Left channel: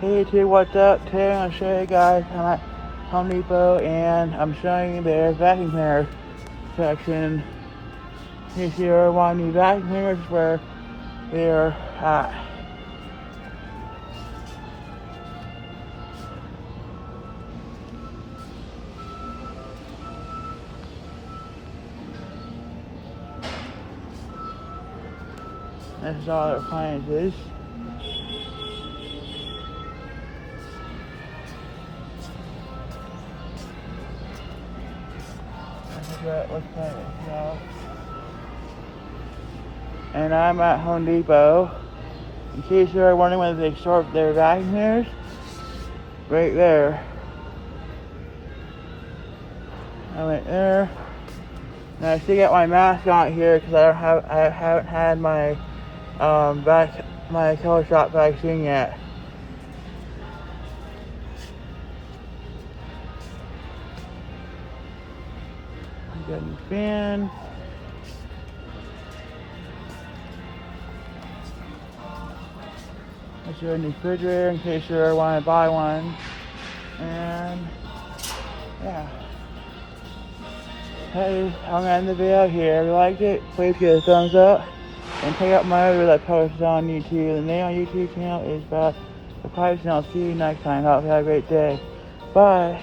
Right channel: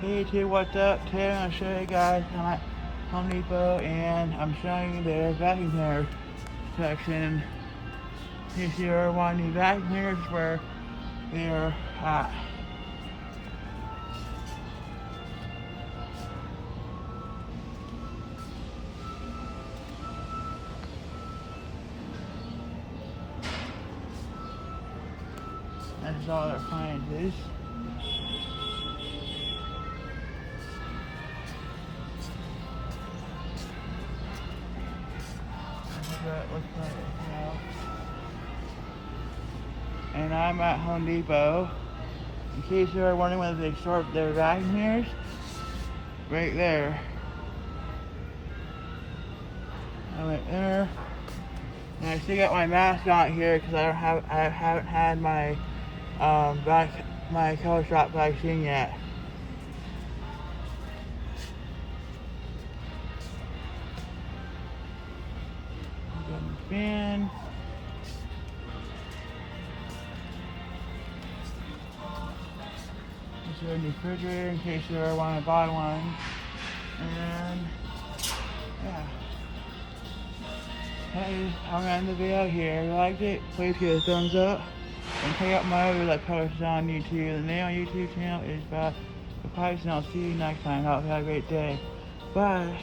Hey YouTube, what's up? Today I'm going to show you guys I'm at Home Depot and I'm showing you their vacuum cleaner section. In case you're wanting new vacuum cleaners, where they're at. This is all their appliances. That's what it looks like now. And I'm at Home Depot. In case you're wondering whether they sort their vacuum cleaners, right there. I went there. And I still got my mask on here because I haven't had my my color shot vaccine yet. Good fan. That's your refrigerator in case you ever want to buy one. And yeah. Hey, I'm gonna end the video here. If you liked it, please give it a thumbs up. And check out my other that posts on YouTube. The name on YouTube channel is Bad the Pipes, and I'll see you next time. Hope you have a great day. Bye.